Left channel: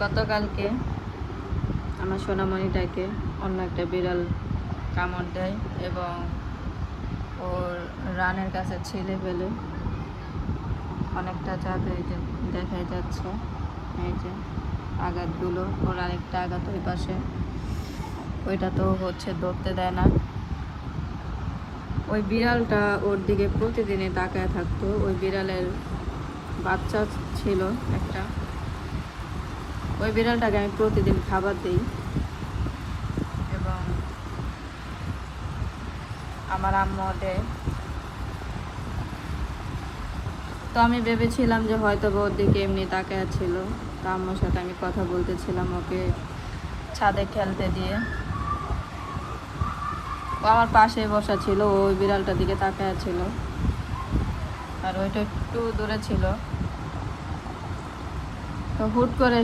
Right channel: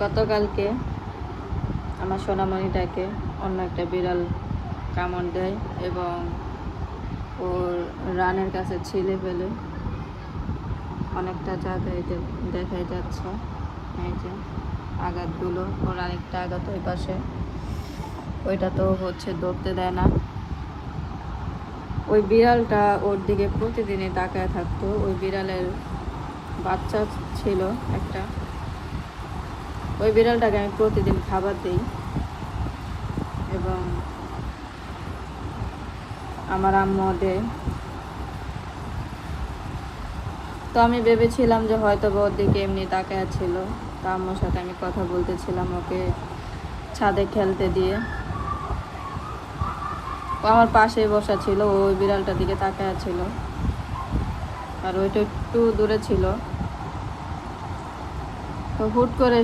গতকালকে আমার সোনামণিটাকে অন্য একটা বিড়াল কামড় দেয় এবং ওর রানের কাছে ছিলে ফেলে অনেকটা জায়গায় দেখাই যাচ্ছে। এই যে আঘাতগুলো, ওর আরেকটা আঘাত ওই পাশে, ওইটা তো হচ্ছে ধরতে দেয় না। ওই বিড়ালটা ওর দিকে প্রতিদিনই তাকায় থাকতো। ওই বিড়ালের বাচ্চা ছিল একটা, ওই বিড়ালটাকে আমি প্রতিদিন খাবার দিই এবং আমার আম্মু দেয়। তো আমি ভেবেছিলাম যে হয়তো ওর দিকে এমনি তাকায় ছিল, তো আম্মুর সাথে আমি কথা বলতেছিলাম ওকে ছাদে খেলতে দিয়ে। আমার পাশেই বসা ছিল, ওই বিড়ালটার দিকে তাকায় ছিল আর ওইটা একটু দূরে ছিল। তো হুট করে